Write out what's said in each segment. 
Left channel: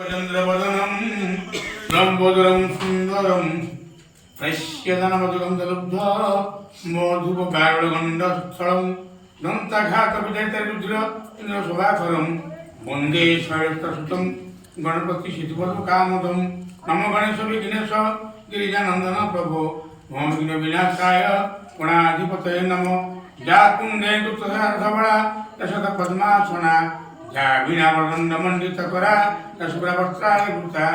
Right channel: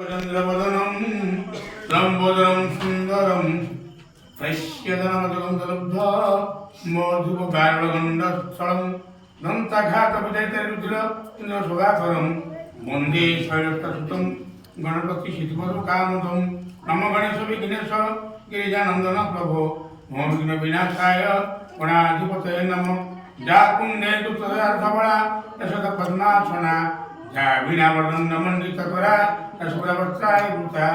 चंद्रवदनम लंबोदरम सुंदरम प्रश्यधनवदगम दलब्धा मधुपकारणगंडस्थलम दंताघातविजयितरुद्र इंद्रशोभाकरम वंदे शैलस्तसुतं गणपति सिद्धिपदकामदं नमो गणेश विघ्नेश गिरिजानंदन प्रभो मम विघ्न विनाशाय गणाधिपतये नमः जा कुंडे तुतर्थबला दशत पद्मासना जा वीणावर्णन मंडितकरा दशप्रवस्त्राय वृता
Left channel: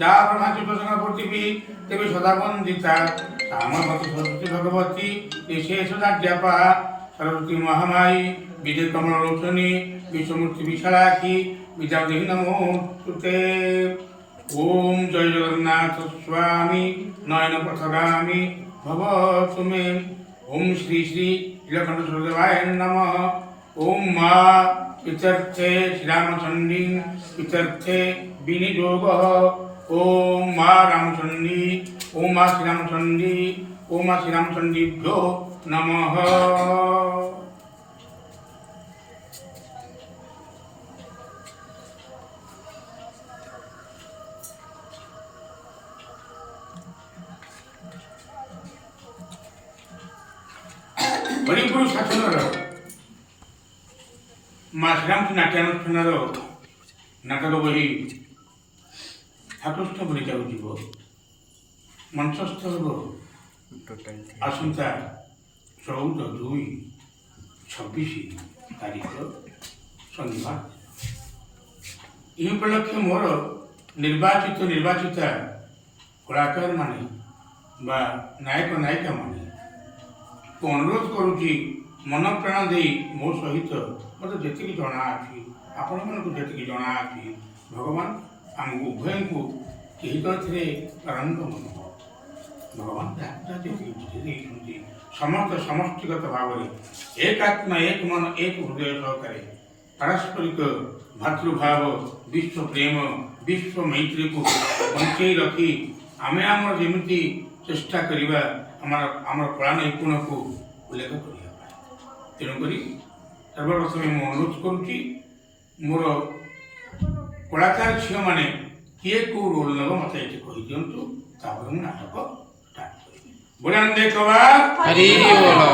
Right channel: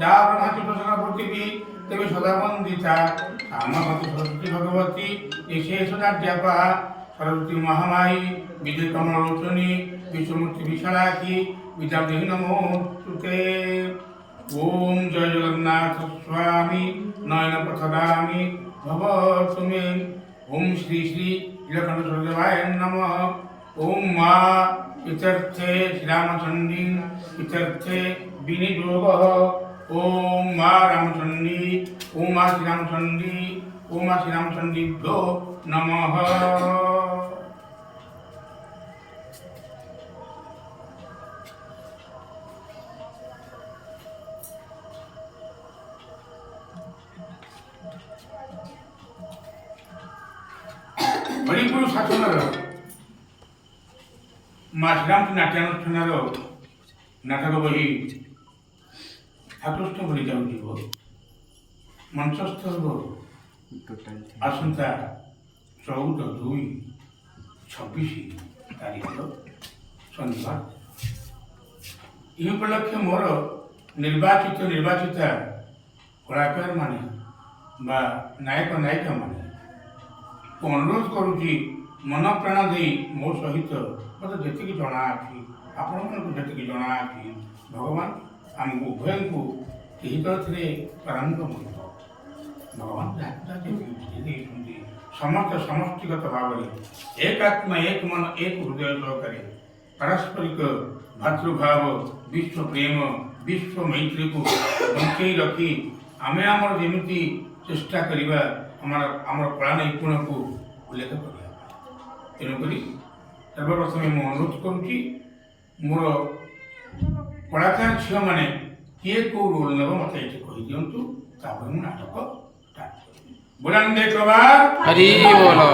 जा ब्रह्मचुतसना पृथिवी देवी सदा वंदिता सामवती सरस्वती भगवती विशेषणाध्यापा सरस्वती महामाई विजय कमलोचनी विश्वमूर्ति विशालाक्षी विद्यादेवी नमोस्तुते। ओम जय जगन्नाथ स्वामी नयन पथगामी भवतु मे। ओम श्री श्री नीलकंठ सूर्यदेवाय नमः। ओम मां इत्यर्थे श्रीरामचंडी इत्यर्थे विनियोगः। ओम मां रामचंडी ओम मां श्रीरामचंडी ओम मां श्रीरामचंडीभ्यो नमः। हरिपुर शासनर माँ श्रीरामचंद्र नाट्यानुष्ठान नाटक बही ठाकुरस्थ बनी जाऊँ मंचस्थ आसंता 14/2/26 तारीख शनिवार। यह उपलक्ष्य मोर निर्वाचित निर्वाचिता कलाकार माने बा नायक नायिका माने अनुरोध करुच्ची मन प्राण दे मो सहित मत जी जना अच्छी आपण मन जी जना अच्छी भगवान आमको उभय को यही तो प्रारंभ मन भगवान समस्त समष्टिगत भाव एक आत्मा एक मन एक हृदय सहकारे पारस्परिक भातृभाव विश्व प्रेम विश्व मैत्री को बंचे रखी आम आमर जमी चेष्टा करवा आमर कला नैपुण को उल्लेख करने तेणुक सर्वप्रथम मुझे अनुरोध करुच्ची मोर कलाकार झील मैंने किए कौ रोल नेब मत ये कही दिंतु मुझे नाटक स्टार्ट करी। बुलंदे कबार हरि बोलो।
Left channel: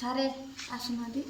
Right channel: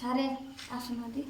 सारे आसुनादी